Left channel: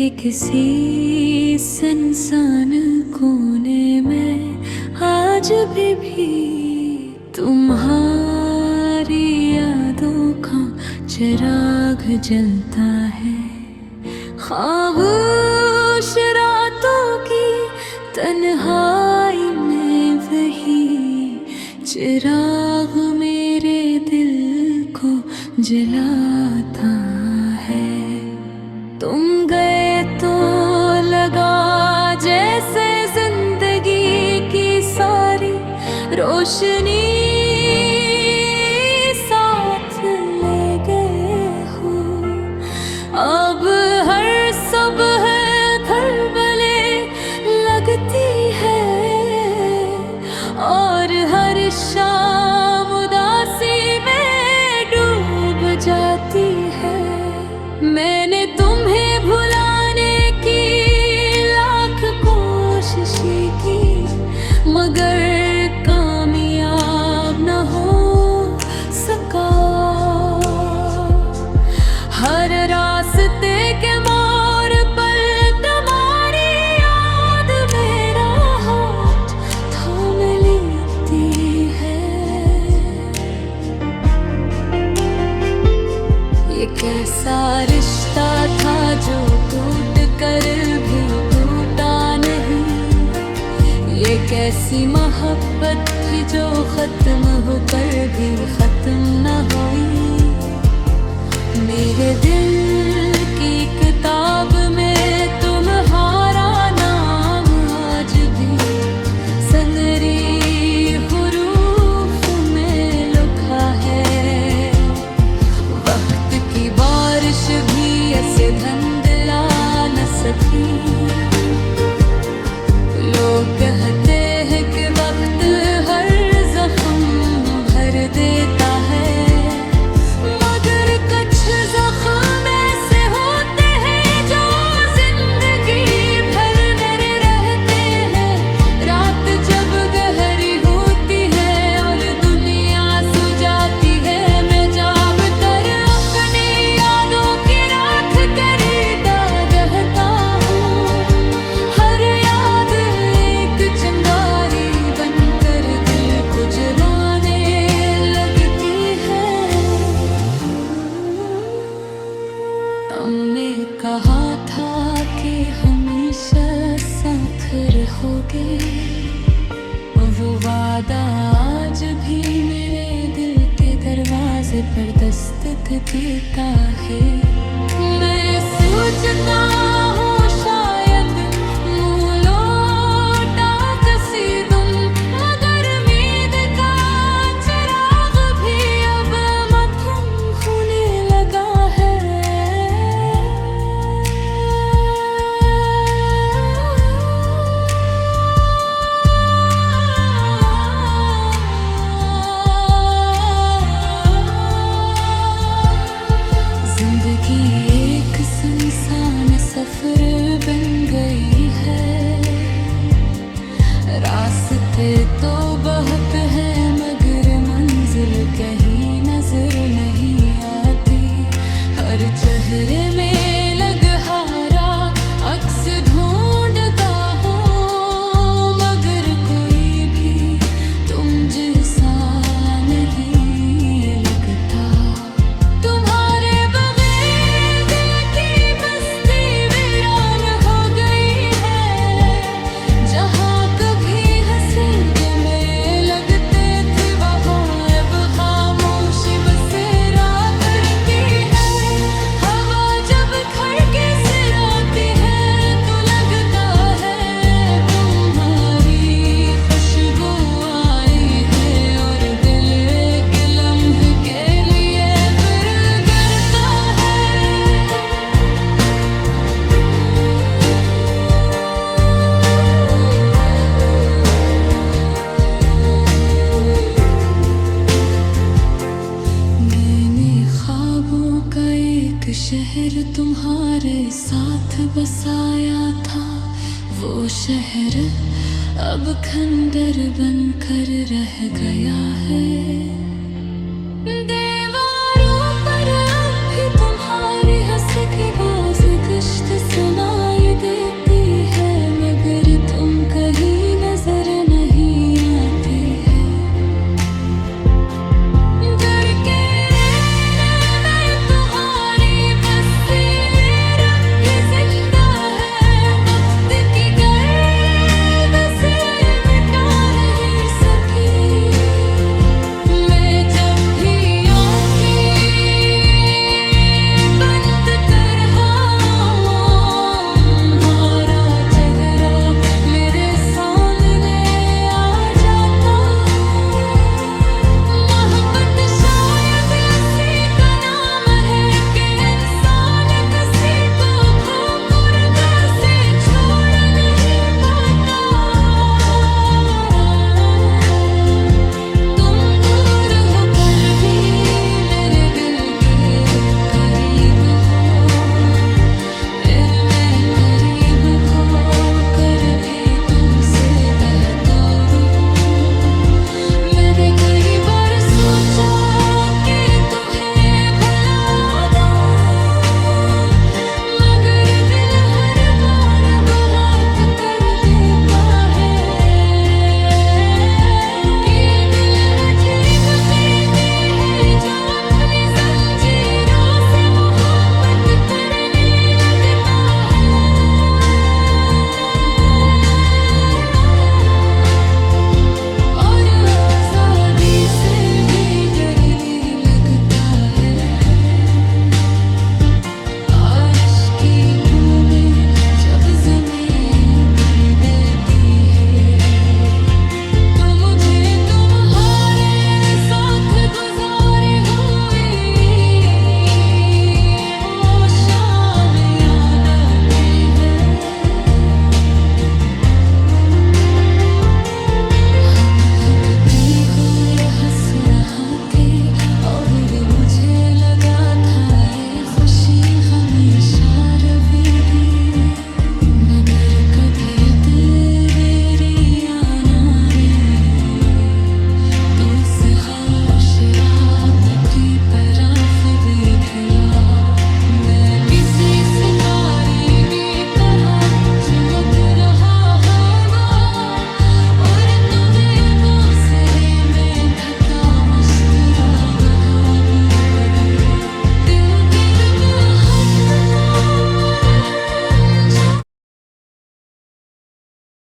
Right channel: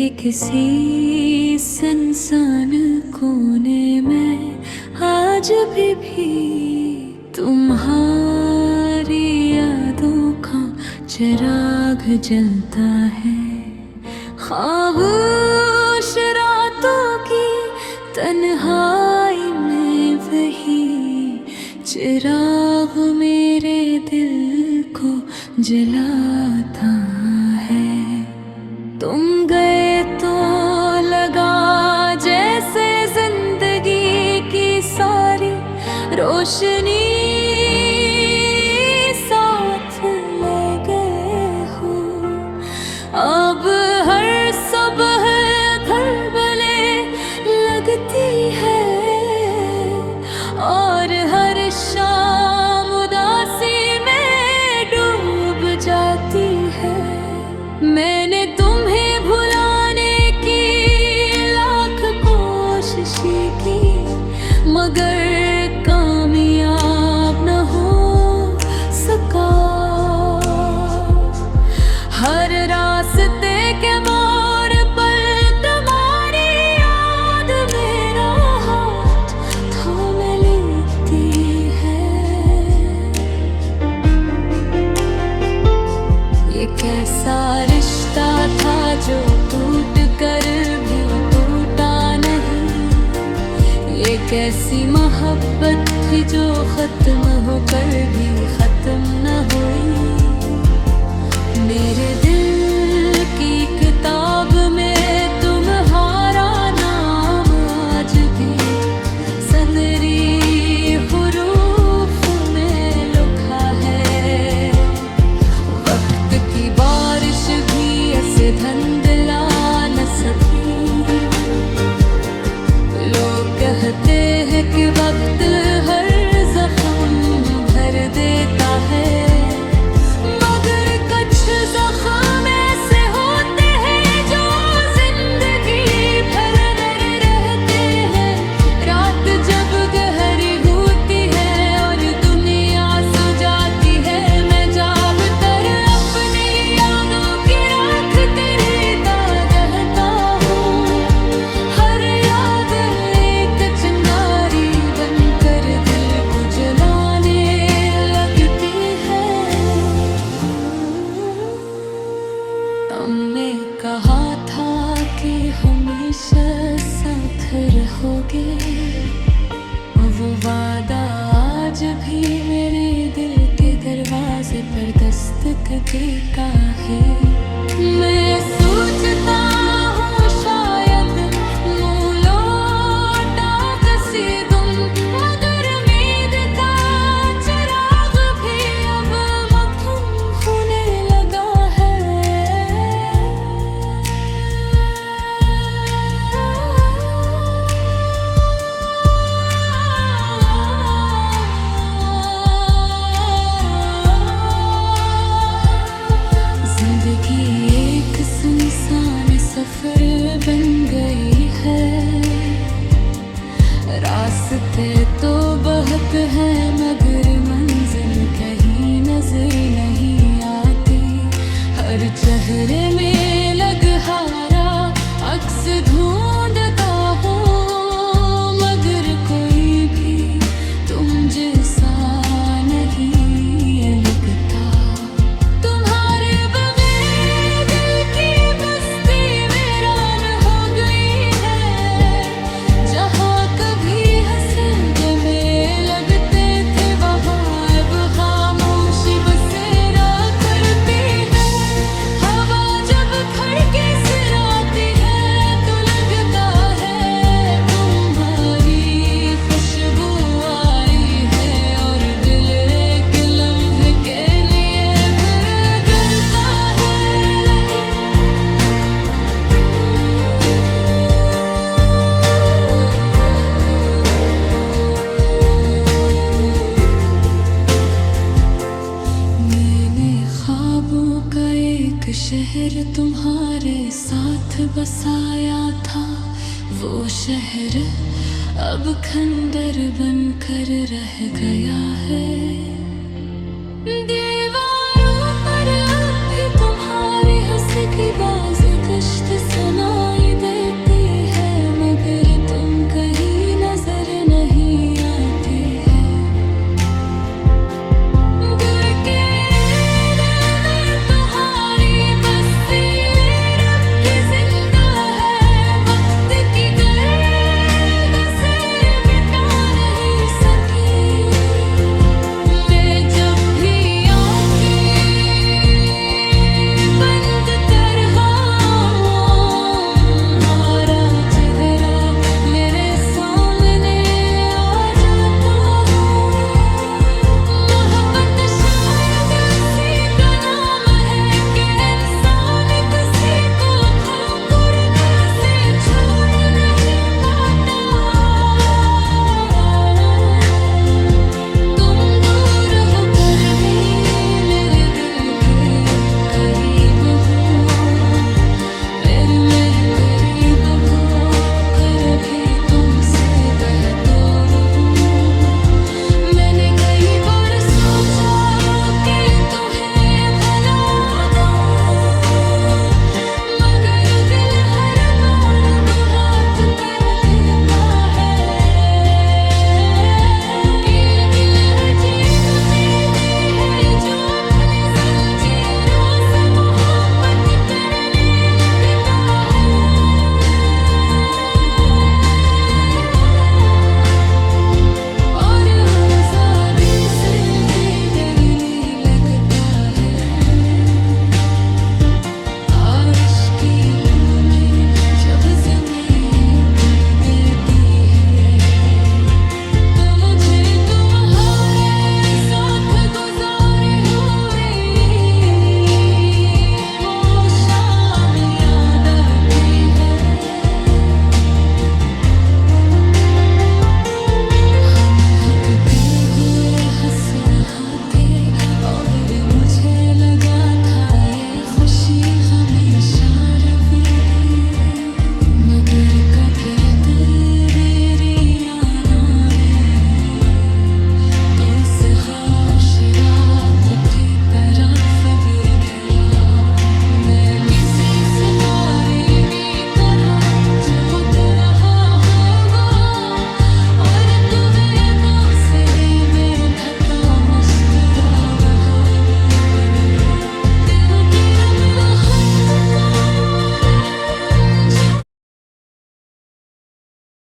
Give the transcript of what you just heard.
के किसी सुनसान कोने में आज भी तुम्हारी यादों का चिराग जलता है। खामोश रातों की तन्हाई में वही चिराग मेरे दिल को जलाता है। तुम गए तो लगा जैसे जिंदगी की सारी रोशनी साथ ले गए हो। अब हर सुबह खलबले लगती है और हर शाम उदासी में डूब जाती है। मैंने तुम्हें भुलाने की लाख कोशिशें की मगर कामयाब न हो सका। हर रास्ते के मोड़ पर तुम्हारी याद मेरा हाथ थाम लेती है। ये कैसा रिश्ता था जो टूट कर भी टूटा नहीं। ये कैसी मोहब्बत थी जो खत्म होकर भी खत्म न हुई। मेरे दिल की किताब में तुम्हारा नाम आज भी सनरी हुरूफ में लिखा है। वक्त की बारिश भी ऐसे धुंधला न सकी। लोग कहते हैं कि वक्त हर जख्म भर देता है मगर कुछ जख्म ऐसे होते हैं जो जिंदगी भर नरे रहते हैं। रात जब गहरी होती है और दुनिया सो जाती है मैं जाब तर अपनी यादों की राख करीदा रहता हूँ। हर याद एक चिंगारी बनकर दिल को जलाने लगती है। हमने कहा था कि हमेशा साथ रहोगे। वो वादा आज भी मेरे दिल के दरवाजे पर दस्तक देता है। मैं सोचता हूँ शायद मुँह लौटा कसी तुम मगर उम्मीद का चिराग भी अब मथम होने लगा है। जिंदगी एक सुनसान सफर बन गई है। रास्ते तो बहुत हैं मगर मंजिल कहीं नजर नहीं आती। हर चेहरे में लगहारा अक्स ढूंढता हूँ मगर कोई भी तुम जैसा नहीं लगता। तुम्हारे बगैर दिल की बस्ती वीरान हो गई है। जहाँ कभी हंसे के मेरे लगते थे वहाँ अब खामोशी बसेरा करती है। हवा जब खड़के सिराती है तो लगता है तुम्हारी खुशबू आई है और दिल एक लम्हे के लिए फिर करता है। मैंने ख्वाबों का एक शहर तुम्हारे साथ बसाया था। वो शहर अब खंडर बनकर रह गया है। दीवारों पर अब भी तुम्हारी हंसी किसी की बाज गश्त सुनाई देती है, मगर तुम कहीं नजर नहीं आती है। घर के रहने में तुम्हारी बस्ती रब भी जिंदा है, वक्त की गर्द से मिटा नहीं सकी। मैं जब भी आँखें बंद कर तुम्हारा चेहरा मेरे सामने आ जाता हूँ। मोहब्बत शायद इसी का नाम है कि इंसान किसी को खोकर कैसे छोड़ नहीं पाता। तुम दूर होकर भी मेरे दिल के करीब हो, फिर मैं करीब होकर भी तुमसे बेहतर हूँ। मैंने कई बार सोचा कि तुम्हें भुला दूँ, मगर दिल हर बार बात कर देता है कि ये दिल अजीब कैदी है जो अपनी जंजीरों से मोहब्बत करने लगता है। और आजादी से भी डरने लगता है। बारिश की बूंदें जब ज़मीन कर देती है, तो मुझे तुम्हारे साथ गुजारी हुई वो शाम याद आती है। हम हिकते हुए हंस रहे थे और मुझे लगा था ये खुशी हमेशा रहेगी, मगर कब तेरी आना रे तू से खामोश रात की तरफ देखला। मैं किसी सितारे भी